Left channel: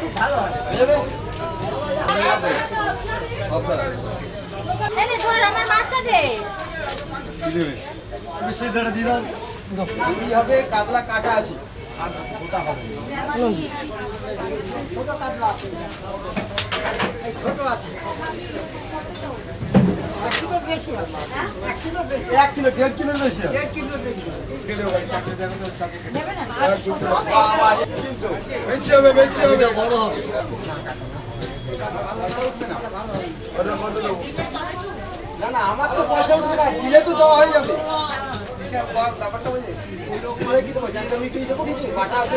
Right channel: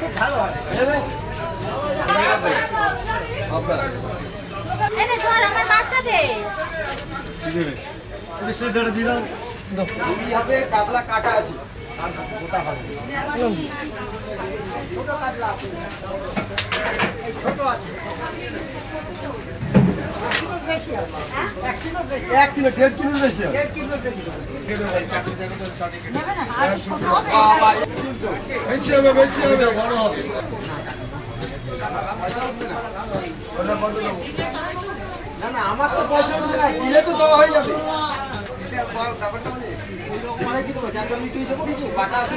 খুব ভালো হয় আমার মাছটা দে দিয়ে দাও হবে কাতলা কাটা আছে গোটা হবে ছোট কাতলা ছোট আছে 1 কিলো 1.5 কিলো বেশি 1.5 কিলো বেশি বেশি হবে বড় হবে না না আমার তো পয়সা নাই দিলে তো দেওয়া হয়ে যাবে ব্যাপারটা বুঝে কি দেবো জানতে মিটিয়ে দেবো কিছু বাটা আছে